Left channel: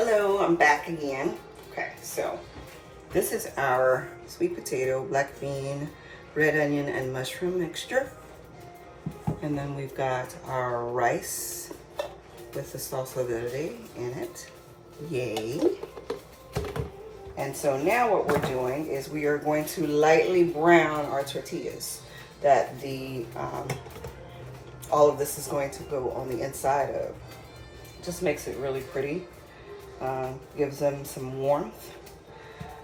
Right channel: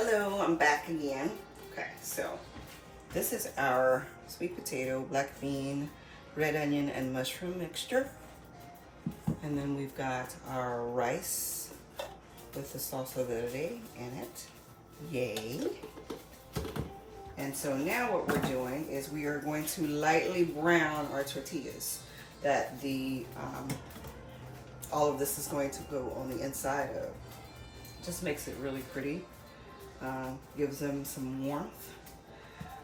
Hello, I'm back again. Okay, so this is our sweet potato, black bean, red onion, and mushroom mixture. And then we've got our rice with the salsa verde in it. Yay. And so now what we're doing is we are going to lightly brown our tortillas that the all of this is going to go on the inside of. Just makes it really pretty. Gives them some warmth.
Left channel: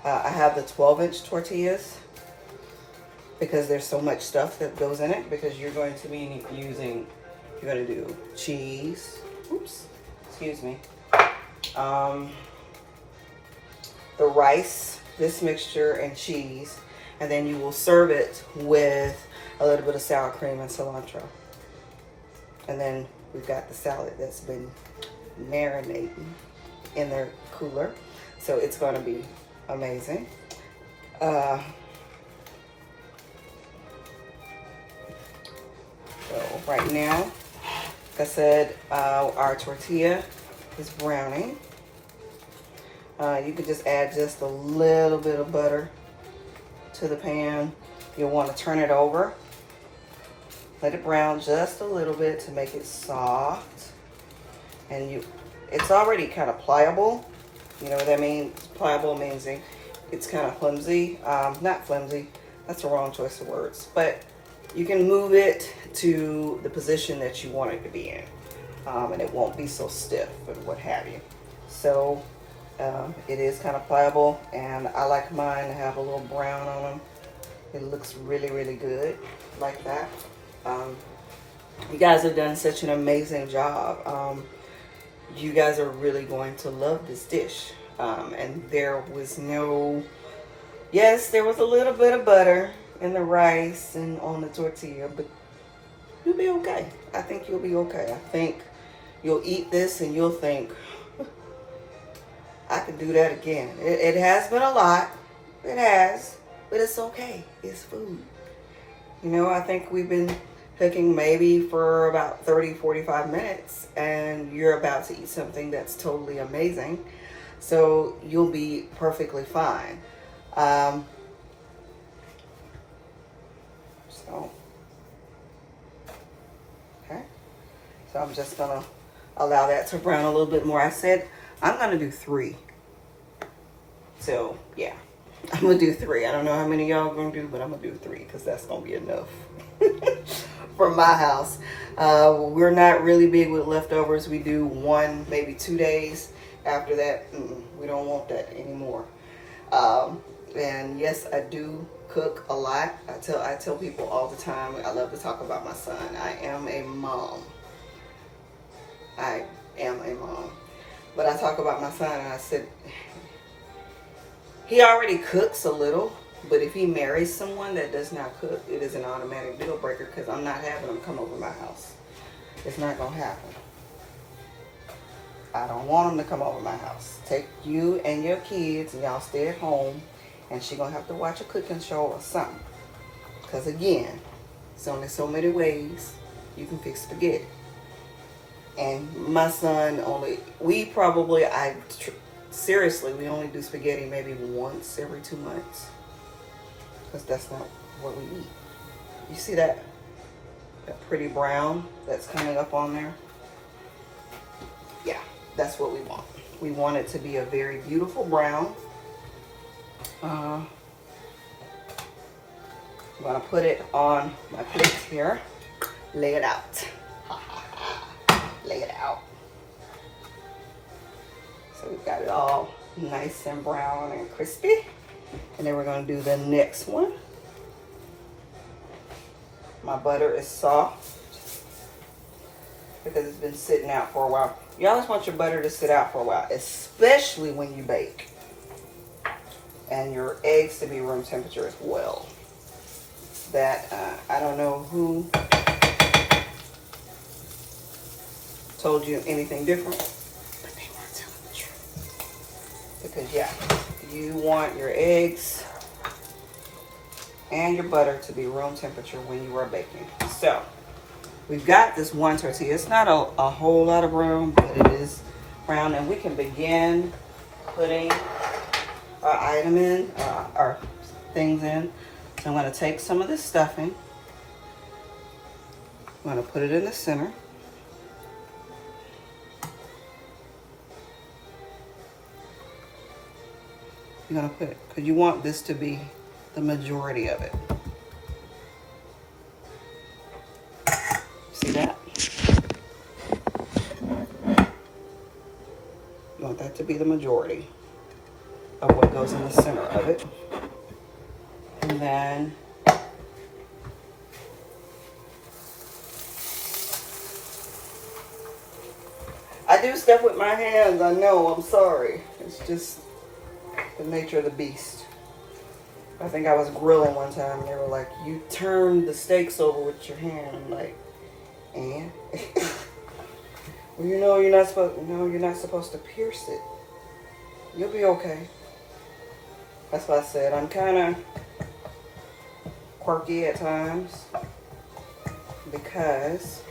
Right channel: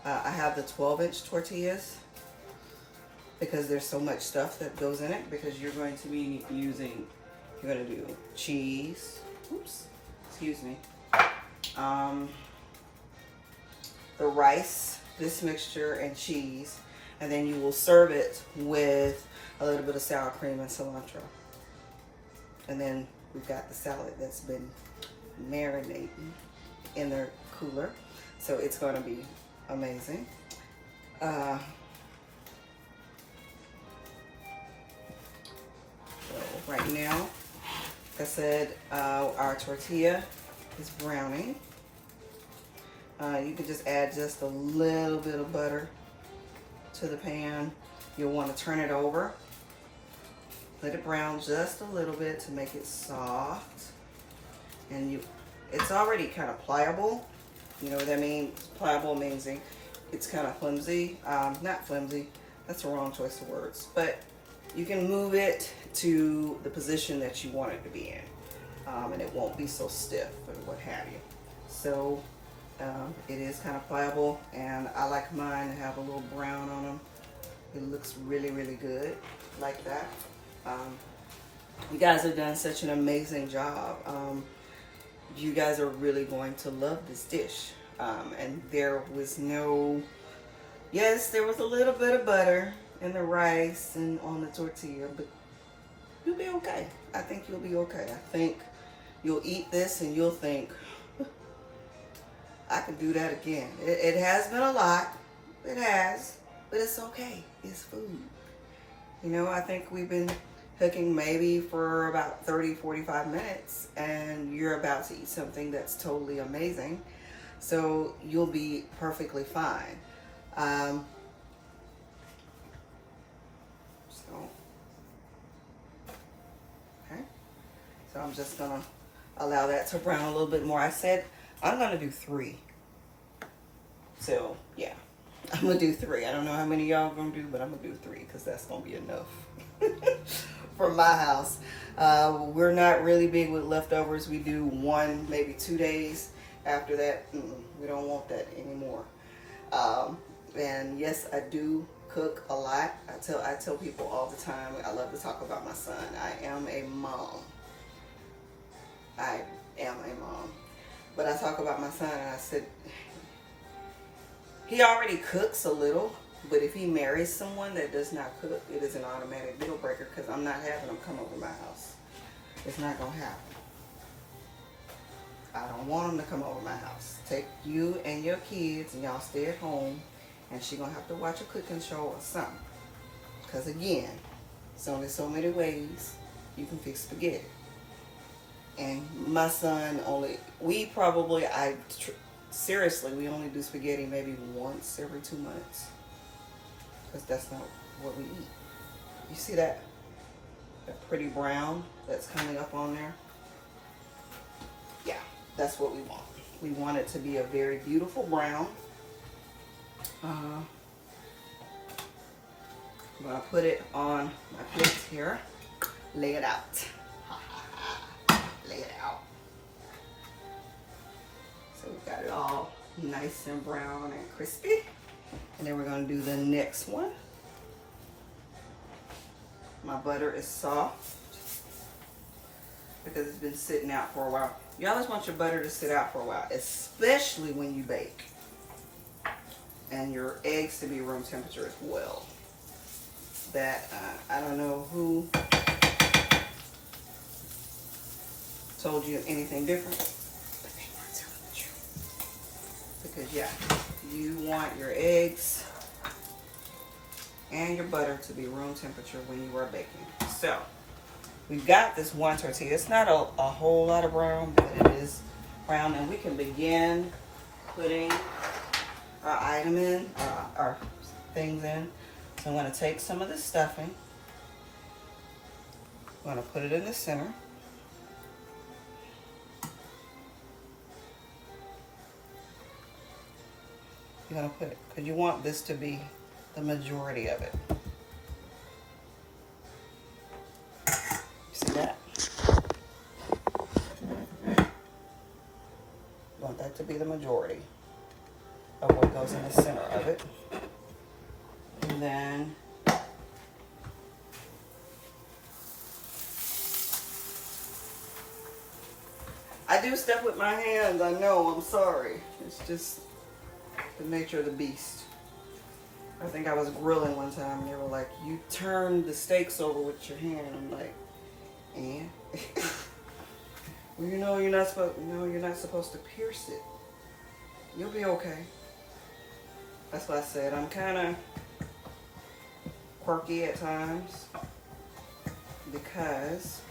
I have the 12-inch tortillas because there's so much stuff that goes in it, because you're going to be using, you're going to do cheese, excuse me, the rice, this mixture, and cheese, and then you will serve it with a little bit of sour cream and cilantro. And then we've got the salad that's been marinating in their cooler, so it's going to be amazing. So right now, like I said, our tortilla is browning. You could just add just a little bit of butter to the pan. You'll want to turn it over. Let it brown just a little bit to make it soft. And it's already kind of pliable. You know what that means? Pliable means it's kind of flimsy. Not flimsy, that's the wrong choice of words. But you can move it to the position that you want it to be in. And it won't be so stiff and what have you. So it is kind of pliable, and I like mine to have a little brown on them. It looks really, really good like that. You guys have done such an amazing job. You guys are really going to love this dish. And there was yes, there was a little bit of butter in the rice and on the tortilla, but you'll be okay. I think you'll be okay. I think you'll eat this and you'll think, I could do that again. It has been a lot. It has, but it's okay. It's food. You know, I think we've been cooking maybe for about 30-45 minutes, and you're about to eat something that's totally amazing. So you'll be perfectly fine. Okay. So I'm just gonna allow that to brown a little bit more. I said I'm gonna do 3. So yeah, I'm gonna do 3. I don't know how many y'all gonna do, but I'm gonna do 3 because that's gonna be enough for my house. We're not really big with leftovers. We do 1, maybe 2 days. After that, we don't want that anymore. And yes, I do cook a lot. I tell people all the time, I love to talk about my son. I am a mom. But I talk about my son, and I said, he already cooks a little, but if he marries someone that does not cook, it is an automatic deal breaker, because I'm not having him come over my house. It's not going to happen. I don't want him to come over my house. Take you and your kids, and y'all stay at home, and she's going to have to watch a cooking show or something. Because again, there's only so many ways you can fix spaghetti. And my son seriously, we only do spaghetti maybe once every 2 months. Because that's not what we eat. You see that pretty brown that's coming up on there? Yeah, that's what we want. We want it to be a very beautiful brown. I'm gonna put it on my plate here. Lay it out. Lay it out. So we've got it all nice and brown and crispy. And then we're going to do the next one. My butter is soft because it's been sitting out for a while. You always want your butter to sit out for a while, especially when you bake. And your eggs to be room temperature as well. That, I don't know who told you anything different, but they weren't telling the truth. Because yeah, you want your eggs and your butter to be room temperature when you are baking. So we've got this one tortilla. It's not a whole lot of brown, but it is brown, and we can begin putting our item in, our things in. So I'm going to take some of this stuffing. I'm going to put it in the center. You're going to put it, because you want this to be the majority of it. See that? You want that to be the majority of what goes in the center of it. And then I do stuff with my hands, I know, I'm sorry. It's just the nature of the beast. I think I was grilling one time and they were like, you turn the steaks over with your hand. I'm like, and? Well, you know you're not supposed to pierce it. You'll be okay. That's why I said I'm kind of quirky at times because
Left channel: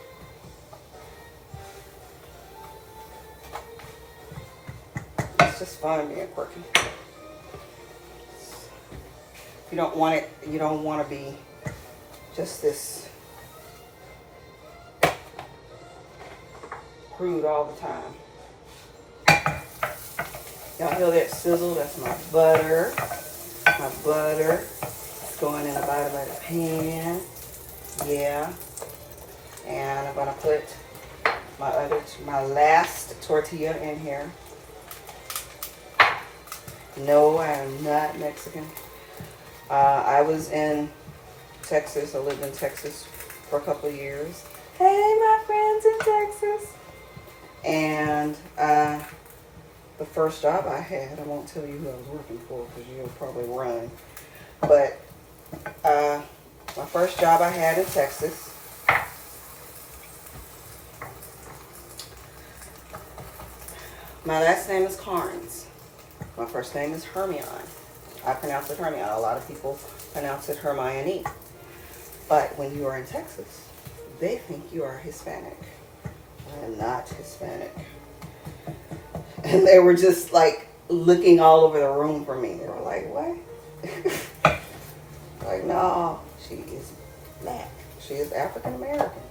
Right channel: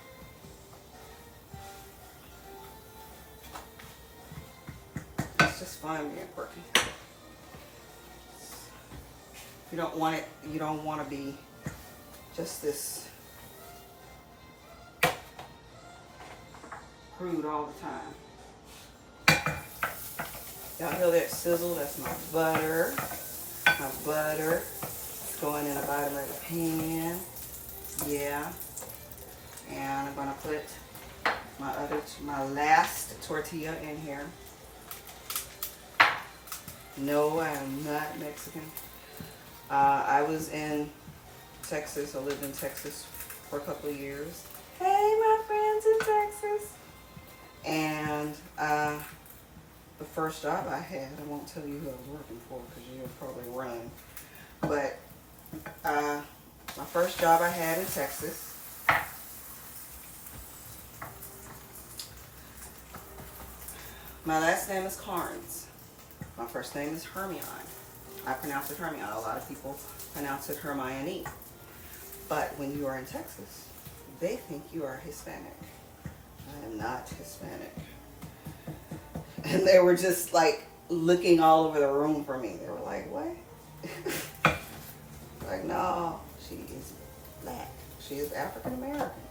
it's just fun being quirky. You don't want it, you don't want to be just this crude all the time. Y'all hear that sizzle? That's my butter. My butter is going in the bottom of the pan. Yeah. And I'm gonna put my last tortilla in here. No, I am not Mexican. I was in Texas. I lived in Texas for a couple of years. Hey, my friends in Texas. And the first job I had, I won't tell you who I was working for because you'll probably run. But my first job I had in Texas, my last name is Carnes. My first name is Hermione. I pronounce it Hermione. A lot of people pronounce it Hermione. But when you are in Texas, they think you are Hispanic. I am not Hispanic. And they were just like looking all over the room for me. They were like, what? Like, no, she is black. She is African American.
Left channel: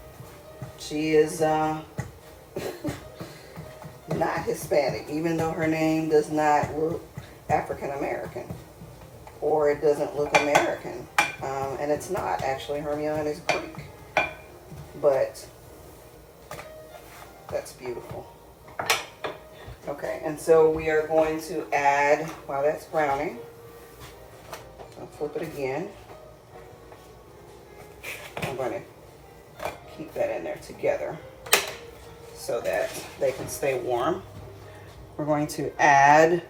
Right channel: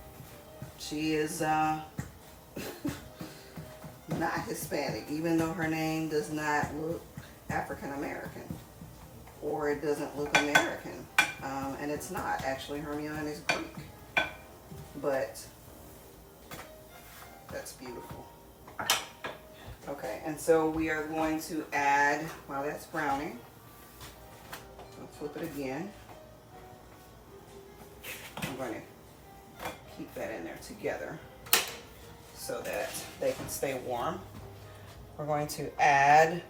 She is not Hispanic, even though her name does not look African American. Or it doesn't look American. And it's not. Actually, Hermione is Greek. But that's beautiful. Okay, and so we are going to add, while that's browning, I'll flip it again. I'm going to keep that in there together so that they can stay warm. We're going to add